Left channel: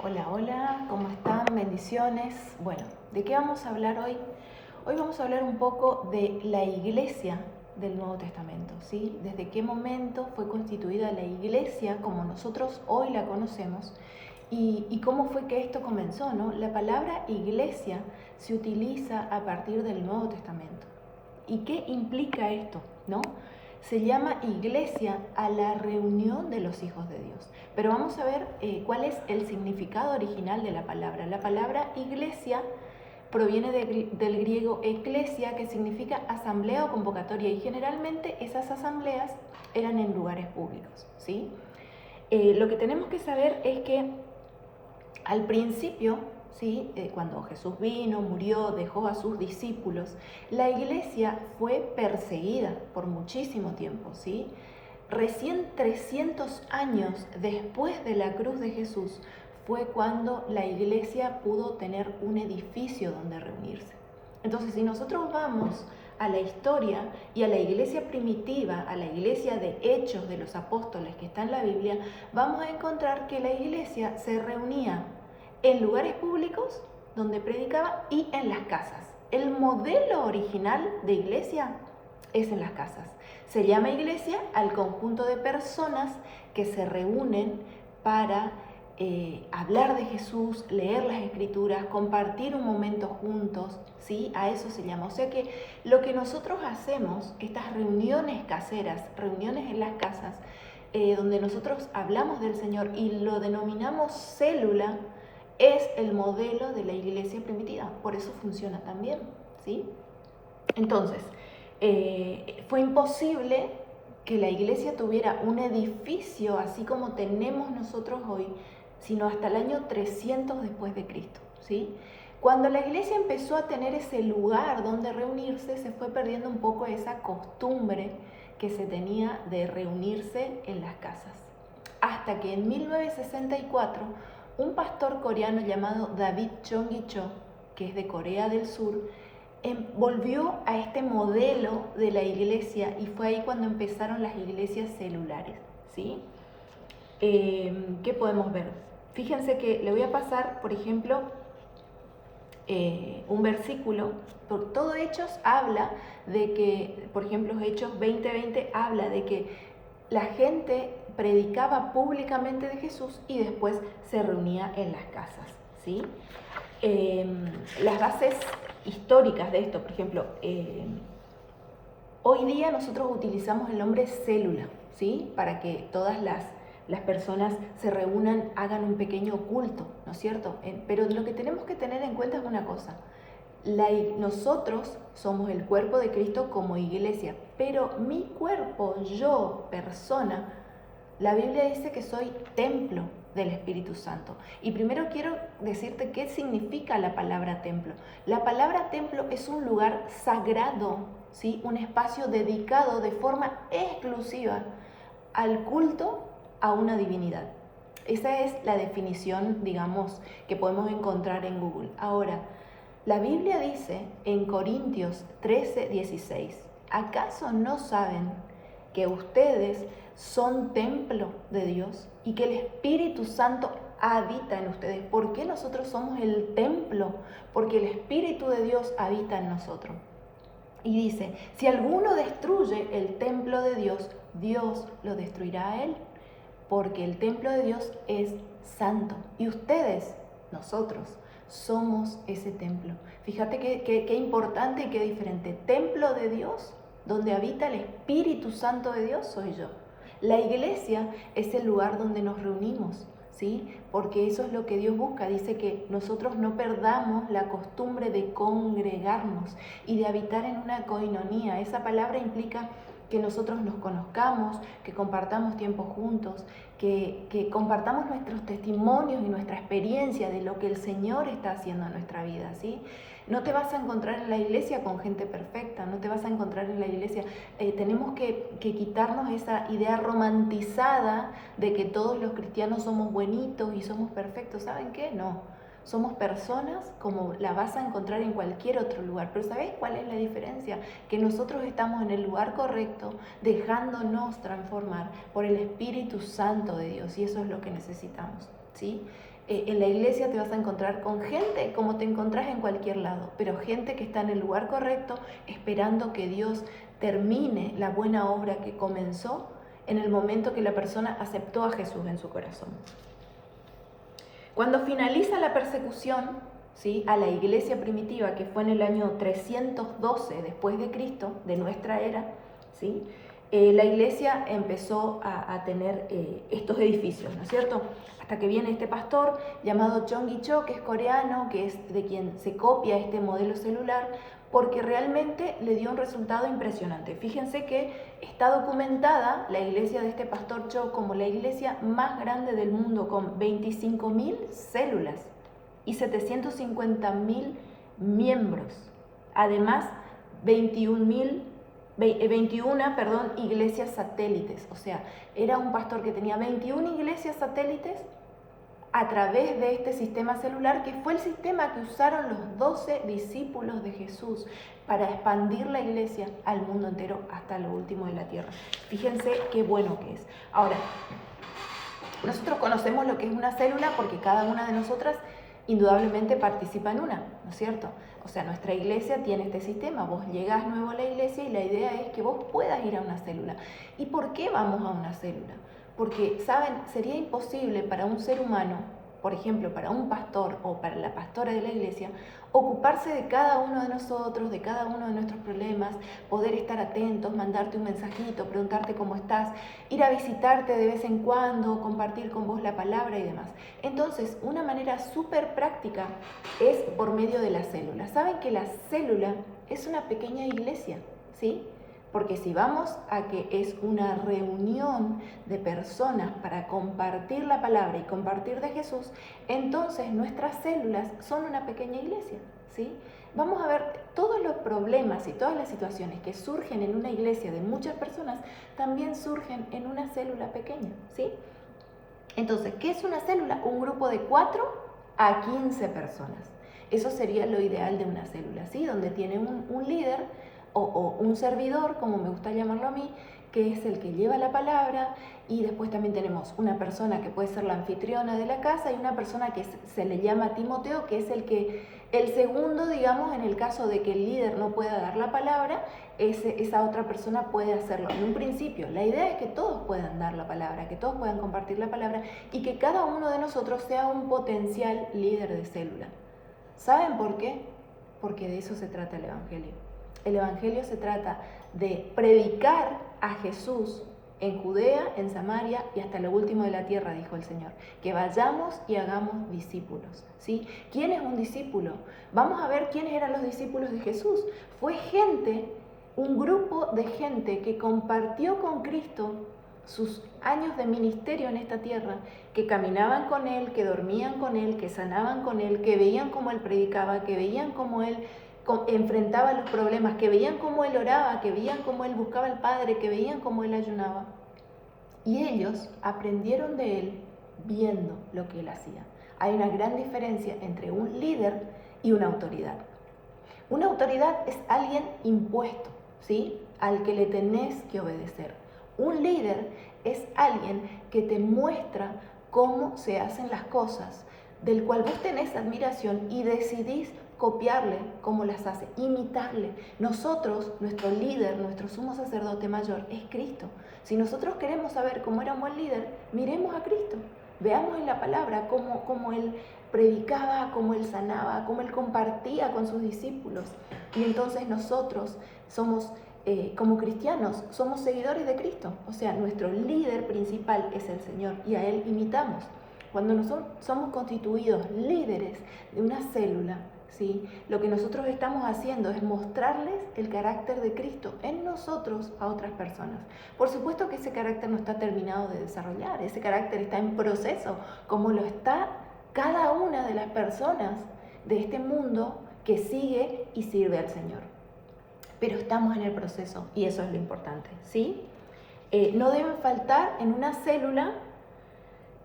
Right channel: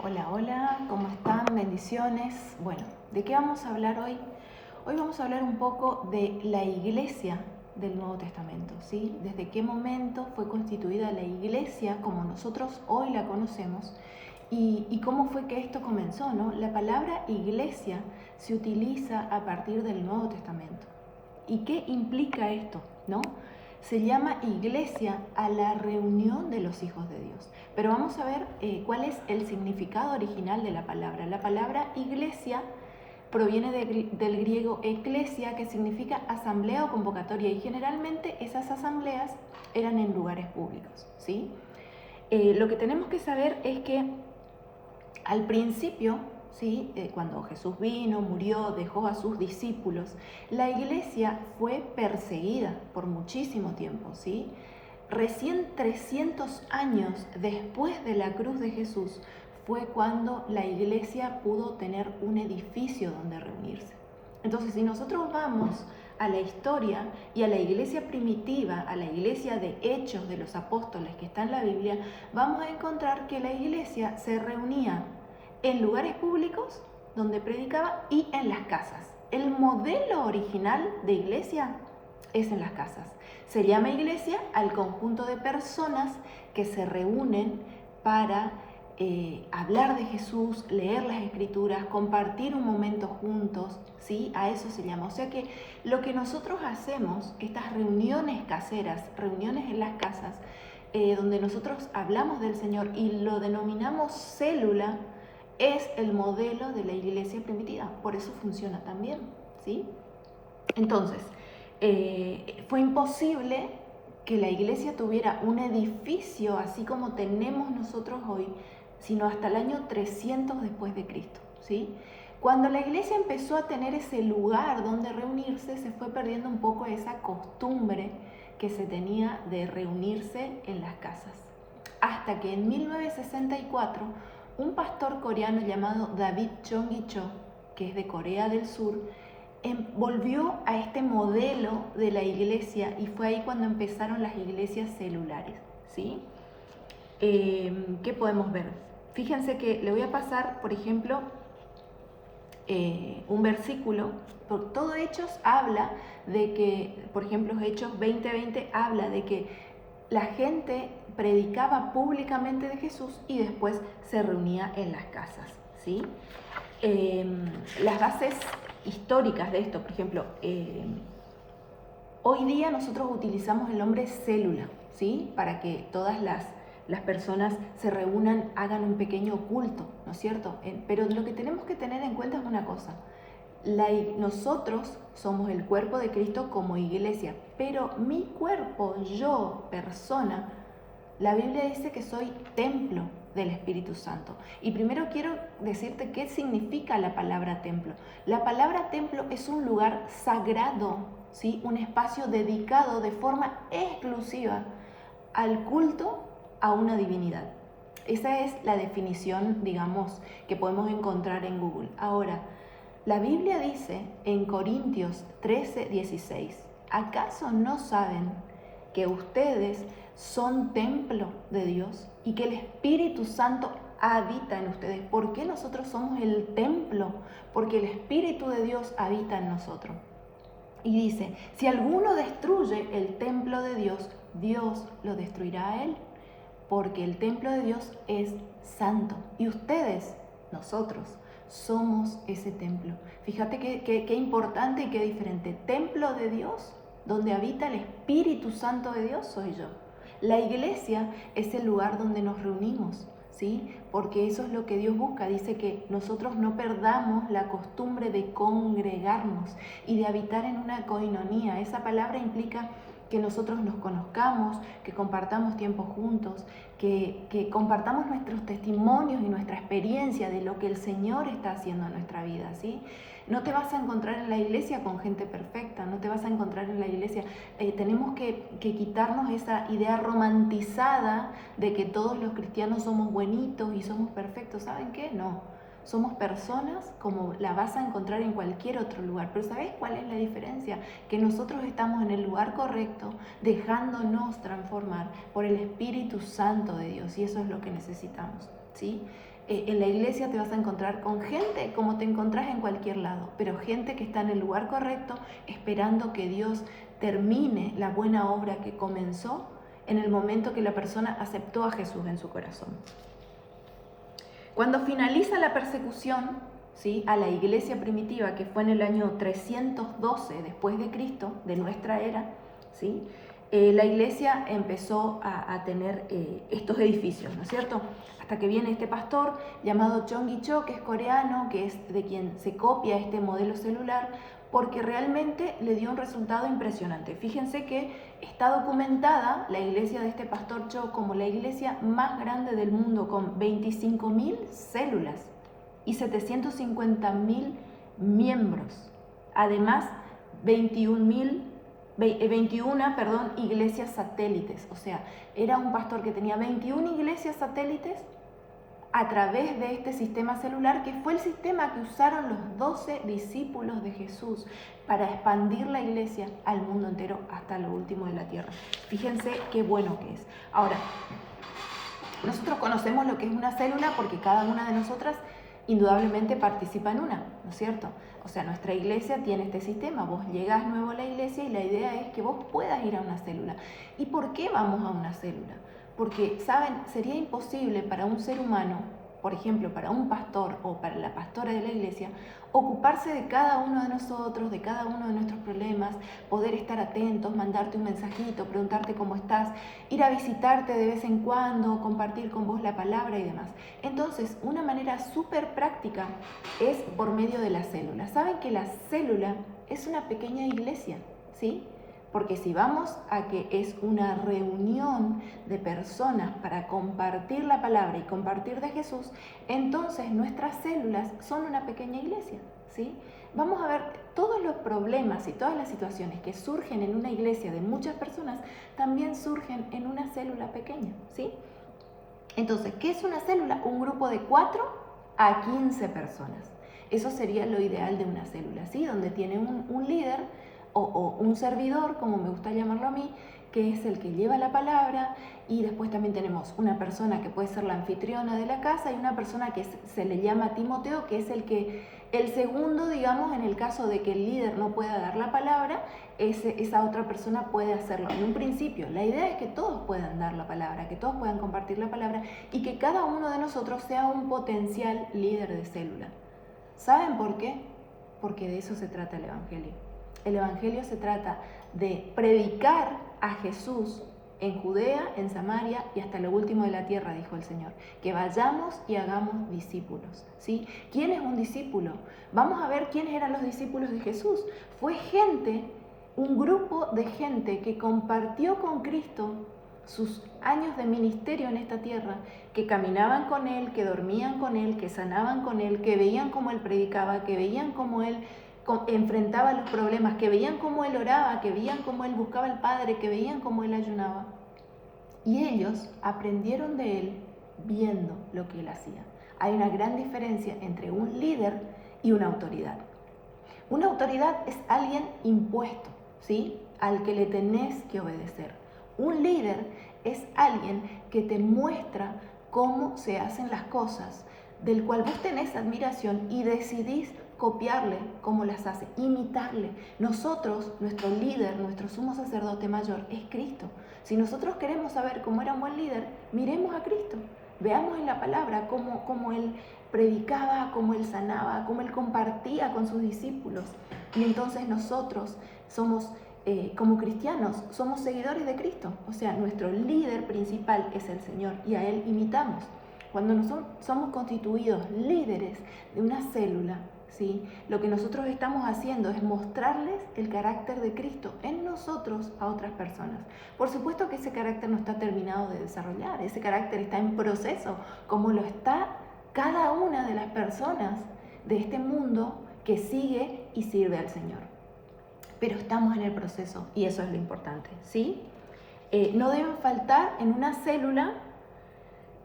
Hola, hola, ¿cómo están? Bendiciones. Bueno, ¿de qué vamos a hablar hoy? Hoy vamos a hablar un poco de la iglesia del Nuevo Testamento, ¿sí? Desde qué momento fue constituida la iglesia como nosotros hoy la conocemos y cómo fue que esto comenzó, ¿no? La palabra iglesia se utiliza a partir del Nuevo Testamento. ¿Y qué implica esto, no? Se llama iglesia a la reunión de los hijos de Dios. Pero vamos a ver cuál es el significado original de la palabra. La palabra iglesia proviene del griego eclesia, que significa asamblea o convocatoria, y generalmente esas asambleas eran en lugares públicos, ¿sí? Lo que tenemos que saber es que al principio, ¿sí? Cuando Jesús vino, murió, dejó a sus discípulos, la iglesia fue perseguida por muchísimo tiempo, ¿sí? Recién 300 años después de la cruz de Jesús fue cuando la iglesia pudo tener un edificio donde reunirse. Entonces, si nosotros vamos a la historia y a la iglesia primitiva, a la iglesia de Hechos de los Apóstoles que está en la Biblia, vamos a encontrar que la iglesia se reunía en lugares públicos donde predicaba y en las casas. El modelo original de iglesia es en las casas. Se llama iglesia al conjunto de personas que se reúnen para hablar de Jesús, leer las escrituras, compartir un momento juntos, ¿sí? A eso se llama. O sea que lo que nosotros hacemos, estas reuniones caseras, reuniones en las casas, donde nosotros hablamos del Señor y lo denominamos célula, es el modelo de la iglesia primitiva. Por eso funciona también, ¿sí? Entonces, fue imposible que la iglesia tuviera un edificio así como tenemos nosotros hoy, sino hasta el año 300 después de Cristo, ¿sí? Cuando la iglesia empezó a tener ese lugar donde reunirse, se fue perdiendo un poco esa costumbre que se tenía de reunirse en las casas. Hasta que en 1964, un pastor coreano llamado David Chong-gi-cho, que es de Corea del Sur, volvió a este modelo de la iglesia y fue ahí cuando empezaron las iglesias celulares, ¿sí? ¿Qué podemos ver? Fíjense que le voy a pasar, por ejemplo, un versículo. Por todo Hechos habla de que, por ejemplo, Hechos 20:20 habla de que la gente predicaba públicamente de Jesús y después se reunía en las casas, ¿sí? Las bases históricas de esto, por ejemplo, hoy día nosotros utilizamos el nombre célula, ¿sí? Para que todas las personas se reúnan, hagan un pequeño culto, ¿no es cierto? Pero lo que tenemos que tener en cuenta es una cosa. Nosotros somos el cuerpo de Cristo como iglesia, pero mi cuerpo, yo, persona, la Biblia dice que soy templo del Espíritu Santo. Y primero quiero decirte qué significa la palabra templo. La palabra templo es un lugar sagrado, ¿sí? Un espacio dedicado de forma exclusiva al culto a una divinidad. Esa es la definición, digamos, que podemos encontrar en Google. Ahora, la Biblia dice en Corintios 13:16, ¿acaso no saben que ustedes son templo de Dios y que el Espíritu Santo habita en ustedes? ¿Por qué nosotros somos el templo? Porque el Espíritu de Dios habita en nosotros. Y dice, si alguno destruye el templo de Dios, Dios lo destruirá a él, porque el templo de Dios es santo. Y ustedes, nosotros, somos ese templo. Fíjate qué importante y qué diferente. Templo de Dios, donde habita el Espíritu Santo de Dios, soy yo. La iglesia es el lugar donde nos reunimos, ¿sí? Porque eso es lo que Dios busca. Dice que nosotros no perdamos la costumbre de congregarnos y de habitar en una coinonía. Esa palabra implica que nosotros nos conozcamos, que compartamos tiempo juntos, que compartamos nuestros testimonios y nuestra experiencia de lo que el Señor está haciendo en nuestra vida, ¿sí? No te vas a encontrar en la iglesia con gente perfecta, no te vas a encontrar en la iglesia. Tenemos que quitarnos esa idea romantizada de que todos los cristianos somos buenitos y somos perfectos. ¿Saben qué? No. Somos personas como la vas a encontrar en cualquier otro lugar. Pero ¿sabes cuál es la diferencia? Que nosotros estamos en el lugar correcto, dejándonos transformar por el Espíritu Santo de Dios. Y eso es lo que necesitamos, ¿sí? En la iglesia te vas a encontrar con gente como te encontrás en cualquier lado, pero gente que está en el lugar correcto, esperando que Dios termine la buena obra que comenzó en el momento que la persona aceptó a Jesús en su corazón. Cuando finaliza la persecución, ¿sí?, a la iglesia primitiva, que fue en el año 312 después de Cristo, de nuestra era, ¿sí?, la iglesia empezó a tener estos edificios, ¿no es cierto? Hasta que viene este pastor llamado Chong Cho, que es coreano, que es de quien se copia este modelo celular, porque realmente le dio un resultado impresionante. Fíjense que está documentada la iglesia de este pastor Cho como la iglesia más grande del mundo, con 25.000 células y 750.000 miembros. Además, 21 iglesias satélites. O sea, era un pastor que tenía 21 iglesias satélites a través de este sistema celular, que fue el sistema que usaron los 12 discípulos de Jesús para expandir la iglesia al mundo entero hasta lo último de la tierra. Fíjense qué bueno que es. Ahora, nosotros conocemos lo que es una célula porque cada una de nosotras indudablemente participa en una, ¿no es cierto? O sea, nuestra iglesia tiene este sistema. Vos llegás nuevo a la iglesia y la idea es que vos puedas ir a una célula. ¿Y por qué vamos a una célula? Porque, ¿saben? Sería imposible para un ser humano, por ejemplo, para un pastor o para la pastora de la iglesia, ocuparse de cada uno de nosotros, de cada uno de nuestros problemas, poder estar atentos, mandarte un mensajito, preguntarte cómo estás, ir a visitarte de vez en cuando, compartir con vos la palabra y demás. Entonces, una manera súper práctica es por medio de la célula. ¿Saben que la célula es una pequeña iglesia? ¿Sí? Porque si vamos a que es una reunión de personas para compartir la palabra y compartir de Jesús, entonces nuestras células son una pequeña iglesia, ¿sí? Vamos a ver todos los problemas y todas las situaciones que surgen en una iglesia de muchas personas, también surgen en una célula pequeña, ¿sí? Entonces, ¿qué es una célula? Un grupo de 4 a 15 personas. Eso sería lo ideal de una célula, ¿sí? Donde tiene un líder o un servidor, como me gusta llamarlo a mí, que es el que lleva la palabra, y después también tenemos una persona que puede ser la anfitriona de la casa y una persona que se le llama Timoteo, que es el segundo, digamos, en el caso de que el líder no pueda dar la palabra, esa otra persona puede hacerlo. En un principio, la idea es que todos puedan dar la palabra, que todos puedan compartir la palabra y que cada uno de nosotros sea un potencial líder de célula. ¿Saben por qué? Porque de eso se trata el Evangelio. El Evangelio se trata de predicar a Jesús en Judea, en Samaria y hasta lo último de la tierra, dijo el Señor. Que vayamos y hagamos discípulos, ¿sí? ¿Quién es un discípulo? Vamos a ver quiénes eran los discípulos de Jesús. Fue gente, un grupo de gente que compartió con Cristo sus años de ministerio en esta tierra, que caminaban con Él, que dormían con Él, que sanaban con Él, que veían cómo Él predicaba, que veían cómo Él enfrentaba los problemas, que veían cómo Él oraba, que veían cómo Él buscaba al Padre, que veían cómo Él ayunaba. Y ellos aprendieron de Él viendo lo que Él hacía. Hay una gran diferencia entre un líder y una autoridad. Una autoridad es alguien impuesto, ¿sí?, al que le tenés que obedecer. Un líder es alguien que te muestra cómo se hacen las cosas, del cual vos tenés admiración y decidís copiarle cómo las hace, imitarle. Nosotros, nuestro líder, nuestro sumo sacerdote mayor es Cristo. Si nosotros queremos saber cómo era un buen líder, miremos a Cristo. Veamos en la palabra cómo Él predicaba, cómo Él sanaba, cómo Él compartía con sus discípulos. Y entonces nosotros somos, como cristianos, somos seguidores de Cristo. O sea, nuestro líder principal es el Señor y a Él imitamos. Cuando nosotros somos constituidos líderes de una célula, ¿sí?, lo que nosotros estamos haciendo es mostrarles el carácter de Cristo en nosotros a otras personas. Por supuesto que ese carácter no está terminado de desarrollar, ese carácter está en proceso, como lo está cada una de las personas de este mundo que sigue y sirve al Señor. Pero estamos en el proceso y eso es lo importante, ¿sí? No deben faltar en una célula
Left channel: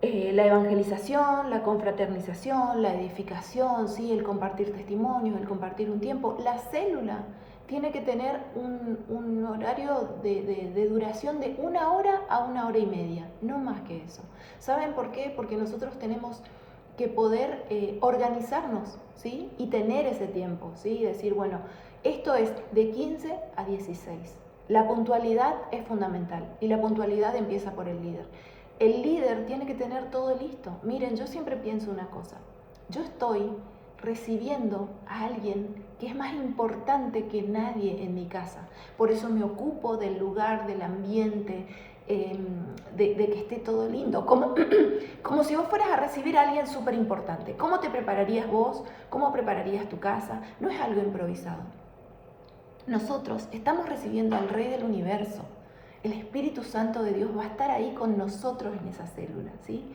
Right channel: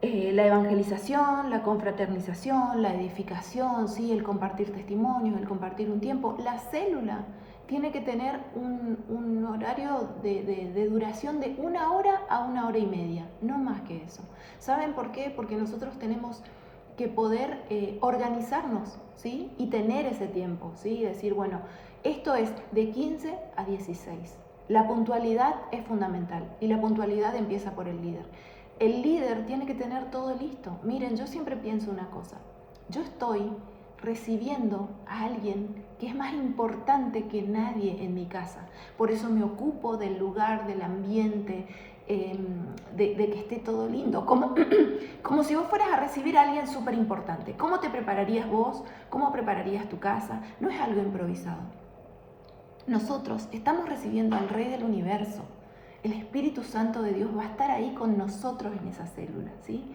la evangelización, la confraternización, la edificación, ¿sí?, el compartir testimonios, el compartir un tiempo. La célula tiene que tener un horario de duración de 1 hora a 1 hora y media, no más que eso. ¿Saben por qué? Porque nosotros tenemos que poder organizarnos, ¿sí? Y tener ese tiempo, ¿sí? Decir, bueno, esto es de 15 a 16. La puntualidad es fundamental y la puntualidad empieza por el líder. El líder tiene que tener todo listo. Miren, yo siempre pienso una cosa. Yo estoy recibiendo a alguien que es más importante que nadie en mi casa. Por eso me ocupo del lugar, del ambiente, de que esté todo lindo. Como si vos fueras a recibir a alguien súper importante. ¿Cómo te prepararías vos? ¿Cómo prepararías tu casa? No es algo improvisado. Nosotros estamos recibiendo al Rey del Universo. El Espíritu Santo de Dios va a estar ahí con nosotros en esa célula, ¿sí?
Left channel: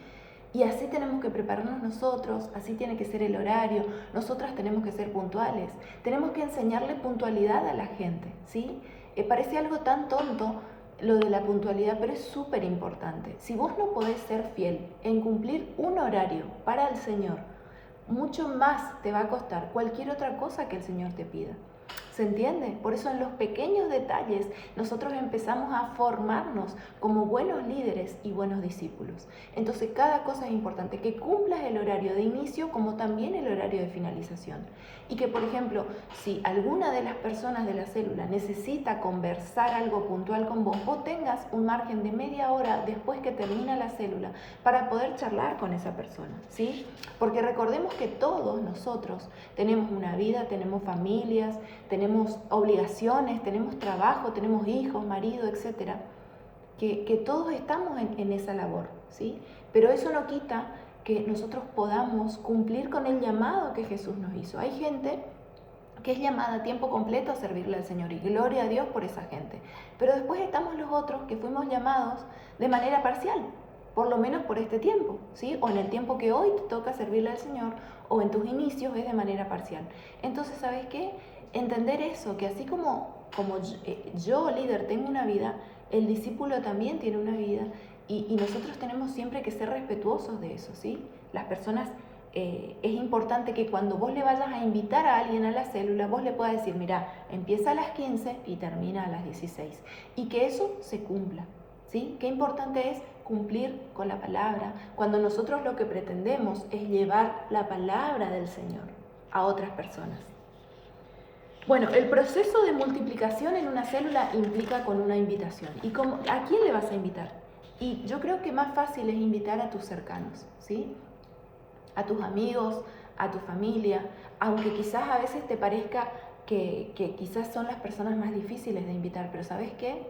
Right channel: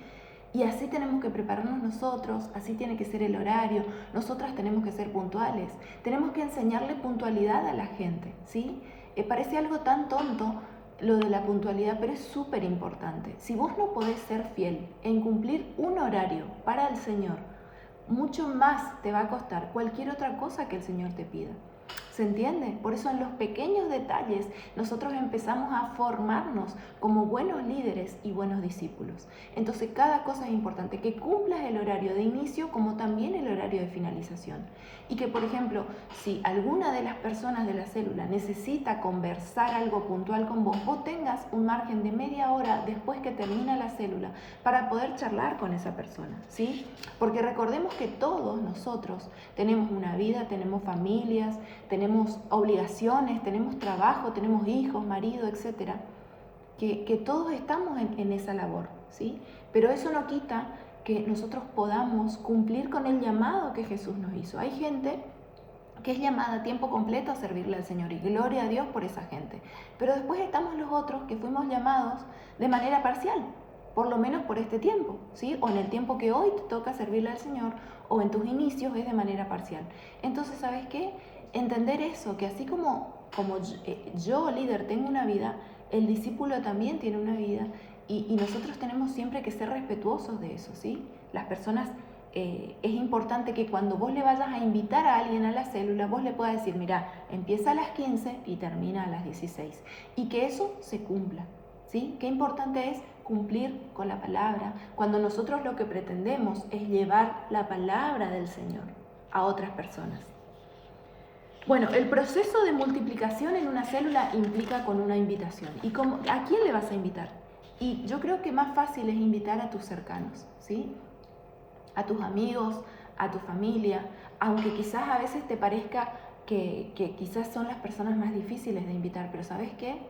Y así tenemos que prepararnos nosotros, así tiene que ser el horario, nosotras tenemos que ser puntuales, tenemos que enseñarle puntualidad a la gente, ¿sí? Parece algo tan tonto lo de la puntualidad, pero es súper importante. Si vos no podés ser fiel en cumplir un horario para el Señor, mucho más te va a costar cualquier otra cosa que el Señor te pida. ¿Se entiende? Por eso en los pequeños detalles nosotros empezamos a formarnos como buenos líderes y buenos discípulos. Entonces cada cosa es importante, que cumplas el horario de inicio como también el horario de finalización. Y que, por ejemplo, si alguna de las personas de la célula necesita conversar algo puntual con vos, vos tengas un margen de media hora después que termina la célula para poder charlar con esa persona, ¿sí? Porque recordemos que todos nosotros tenemos una vida, tenemos familias, tenemos obligaciones, tenemos trabajo, tenemos hijos, marido, etcétera, que todos estamos en esa labor, ¿sí? Pero eso no quita que nosotros podamos cumplir con el llamado que Jesús nos hizo. Hay gente que es llamada a tiempo completo a servirle al Señor y gloria a Dios por esa gente. Pero después estamos los otros que fuimos llamados de manera parcial, por lo menos por este tiempo, ¿sí? O en el tiempo que hoy te toca servirle al Señor o en tus inicios es de manera parcial. Entonces, ¿sabes qué? Entender eso, que así como yo, líder, tengo una vida, el discípulo también tiene una vida y nosotros tenemos siempre que ser respetuosos de eso, ¿sí? Las personas, es importante que cuando vos le vayas a invitar a alguien a la célula, vos le puedas decir, mira, empieza a las 15 y termina a las 16. Y que eso se cumpla, ¿sí? Qué importante es cumplir con la palabra, cuando nosotros lo que pretendemos es llevar la palabra del Señor a otras personas. Bueno, el proceso de multiplicación en una célula implica con una invitación. ¿Y a quién le vas a invitar? Y yo creo que más fácil es invitar a tus cercanos, ¿sí? A tus amigos, a tu familia, aunque quizás a veces te parezca que quizás son las personas más difíciles de invitar, pero ¿sabes qué?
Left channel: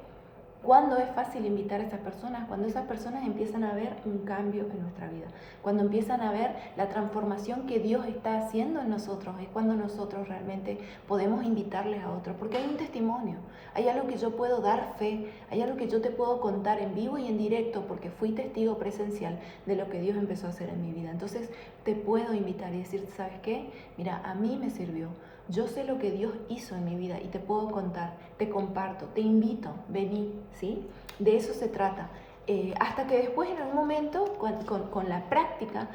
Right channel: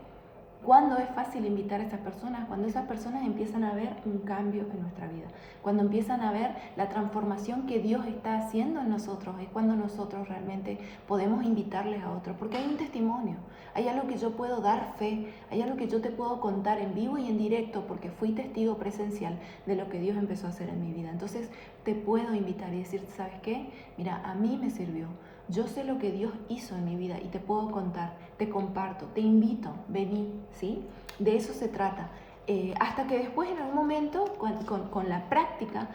¿Cuándo es fácil invitar a esas personas? Cuando esas personas empiezan a ver un cambio en nuestra vida, cuando empiezan a ver la transformación que Dios está haciendo en nosotros, es cuando nosotros realmente podemos invitarles a otros, porque hay un testimonio, hay algo que yo puedo dar fe, hay algo que yo te puedo contar en vivo y en directo, porque fui testigo presencial de lo que Dios empezó a hacer en mi vida. Entonces te puedo invitar y decirte, ¿sabes qué? Mira, a mí me sirvió. Yo sé lo que Dios hizo en mi vida y te puedo contar, te comparto, te invito, vení, ¿sí? De eso se trata. Hasta que después en algún momento, con la práctica,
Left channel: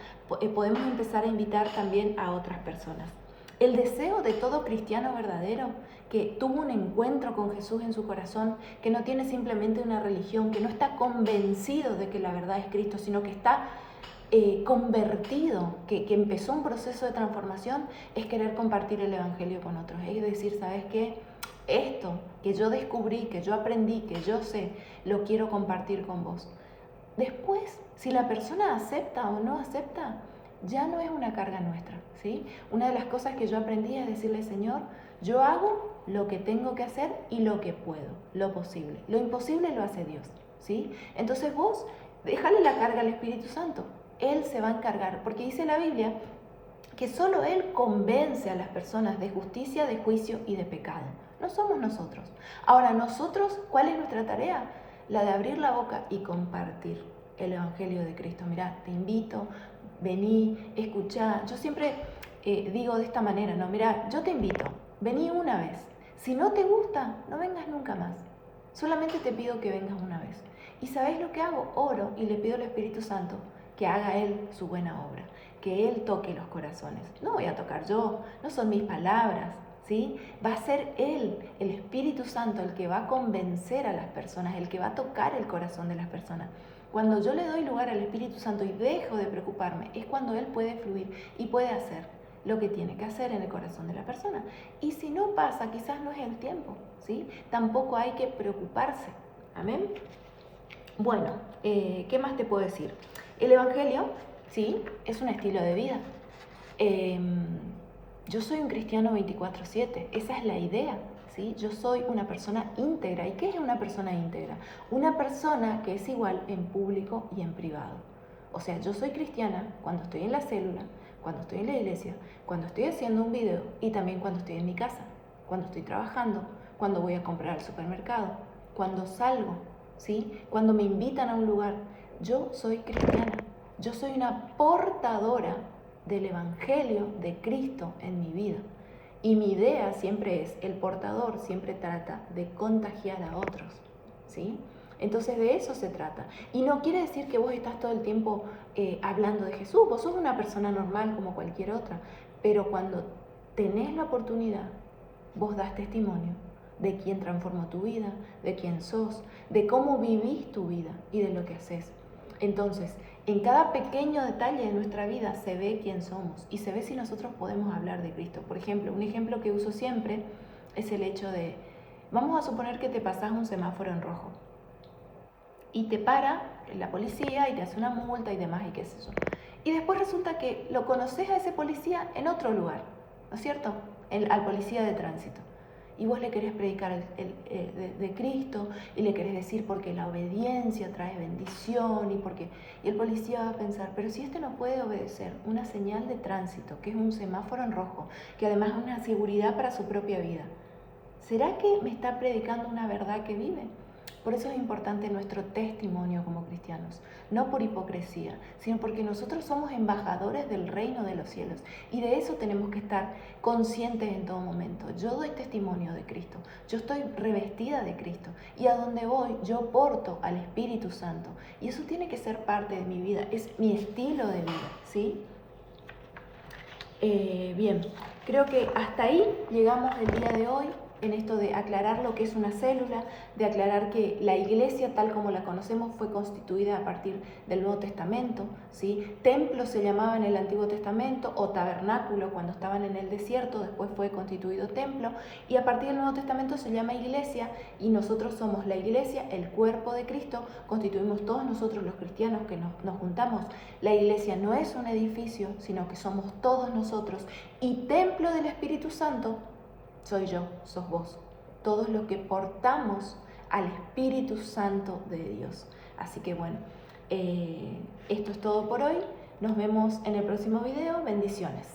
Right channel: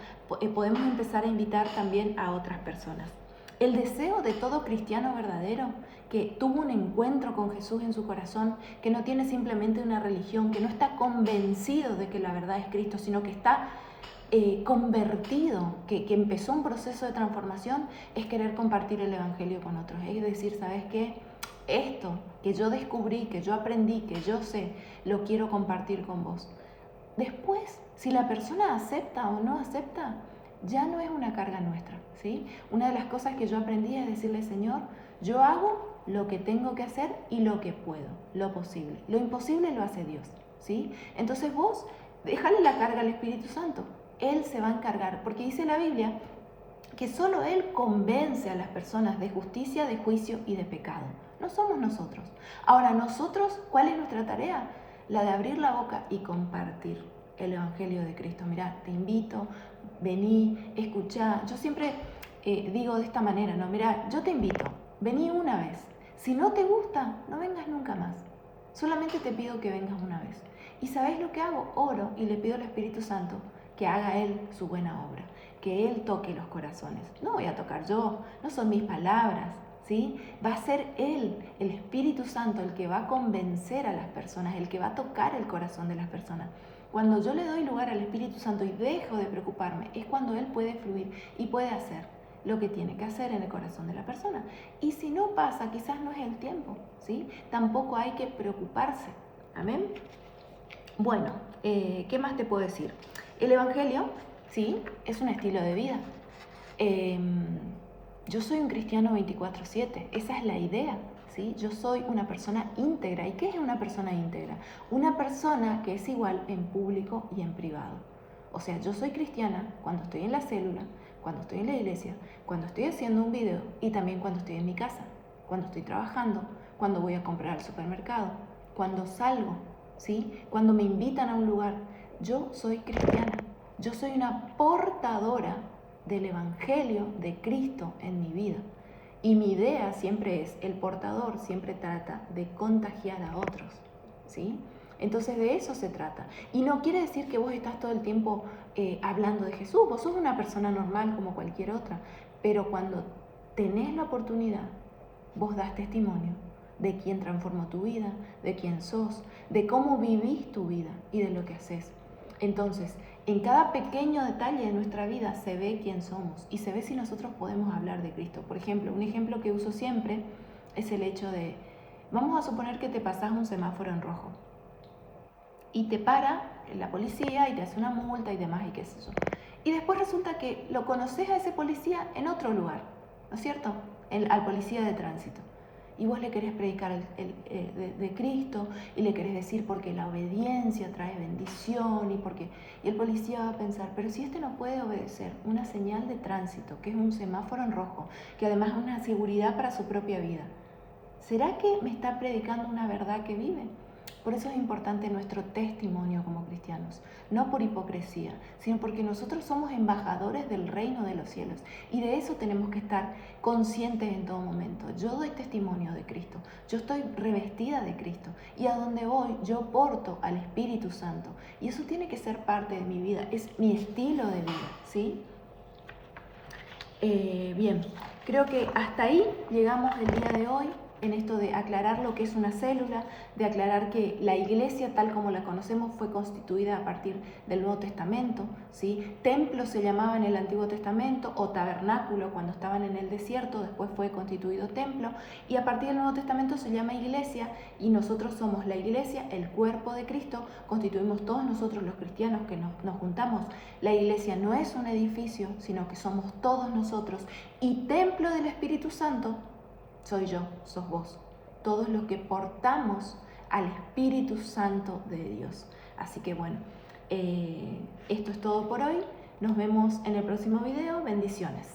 podemos empezar a invitar también a otras personas. El deseo de todo cristiano verdadero que tuvo un encuentro con Jesús en su corazón, que no tiene simplemente una religión, que no está convencido de que la verdad es Cristo, sino que está convertido, que empezó un proceso de transformación, es querer compartir el Evangelio con otros. Es decir, ¿sabes qué? Esto que yo descubrí, que yo aprendí, que yo sé, lo quiero compartir con vos. Después, si la persona acepta o no acepta, ya no es una carga nuestra, ¿sí? Una de las cosas que yo aprendí es decirle, Señor, yo hago lo que tengo que hacer y lo que puedo, lo posible. Lo imposible lo hace Dios, ¿sí? Entonces vos, déjale la carga al Espíritu Santo. Él se va a encargar, porque dice la Biblia que solo Él convence a las personas de justicia, de juicio y de pecado. No somos nosotros. Ahora, nosotros, ¿cuál es nuestra tarea? La de abrir la boca y compartir el Evangelio de Cristo. Mirá, te invito, vení, escuchá. Yo siempre digo de esta manera, ¿no? Mirá, yo te invito, vení una vez. Si no te gusta, no vengas nunca más. Solamente te pido que vengas una vez. ¿Y sabés lo que hago? Oro y le pido al Espíritu Santo que haga Él su buena obra, que Él toque los corazones. No voy a tocar yo, no son mis palabras, ¿sí? Va a ser Él, el Espíritu Santo, el que va a convencer a las personas, el que va a tocar el corazón de las personas. Cuando yo le doy lugar al Espíritu Santo y dejo de preocuparme, es cuando Él puede fluir y puede hacer lo que tiene que hacer en el corazón de la persona. Y si no pasa, quizás no es el tiempo, ¿sí? Tampoco hay que preocuparse. Amén. Bueno, ¿qué más te puedo decir? El Evangelio, ¿sí? Es un estilo de vida. Yo soy un cristiano 24/7, esa es la idea, ¿sí? Yo soy una persona íntegra. ¿Y qué es una persona íntegra? Una persona que es igual en público y en privado. O sea, yo soy cristiana cuando estoy en la célula, cuando estoy en la iglesia, cuando estoy haciendo un video y también cuando estoy en mi casa, cuando estoy trabajando, cuando voy a comprar al supermercado, cuando salgo, ¿sí? Cuando me invitan a un lugar. Yo soy cristiana, yo soy una portadora del Evangelio de Cristo en mi vida. Y mi idea siempre es, el portador siempre trata de contagiar a otros, ¿sí? Entonces de eso se trata. Y no quiere decir que vos estás todo el tiempo hablando de Jesús, vos sos una persona normal como cualquier otra, pero cuando tenés la oportunidad, vos das testimonio de quién transformó tu vida, de quién sos, de cómo vivís tu vida y de lo que haces. Entonces, en cada pequeño detalle de nuestra vida se ve quién somos y se ve si nosotros podemos hablar de Cristo. Por ejemplo, un ejemplo que uso siempre es el hecho de, vamos a suponer que te pasás un semáforo en rojo y te para la policía y te hace una multa y demás y qué sé yo. Y después resulta que lo conoces a ese policía en otro lugar, ¿no es cierto? Al policía de tránsito. Y vos le querés predicar de Cristo y le querés decir porque la obediencia trae bendición y el policía va a pensar, pero si este no puede obedecer una señal de tránsito, que es un semáforo en rojo, que además es una seguridad para su propia vida, ¿será que me está predicando una verdad que vive? Por eso es importante nuestro testimonio como cristianos, no por hipocresía, sino porque nosotros somos embajadores del reino de los cielos y de eso tenemos que estar conscientes en todo momento. Yo doy testimonio de Cristo, yo estoy revestida de Cristo y a donde voy yo porto al Espíritu Santo y eso tiene que ser parte de mi vida, es mi estilo de vida, ¿sí? Bien, creo que hasta ahí llegamos el día de hoy en esto de aclarar lo que es una célula, de aclarar que la iglesia tal como la conocemos fue constituida a partir del Nuevo Testamento, ¿sí? Templo se llamaba en el Antiguo Testamento o tabernáculo cuando estaban en el desierto, después fue constituido templo y a partir del Nuevo Testamento se llama iglesia y nosotros somos la iglesia, el cuerpo de Cristo, constituimos todos nosotros los cristianos que nos juntamos. La iglesia no es un edificio, sino que somos todos nosotros y templo del Espíritu Santo soy yo, sos vos, todos los que portamos al Espíritu Santo de Dios. Así que bueno, esto es todo por hoy. Nos vemos en el próximo video. Bendiciones.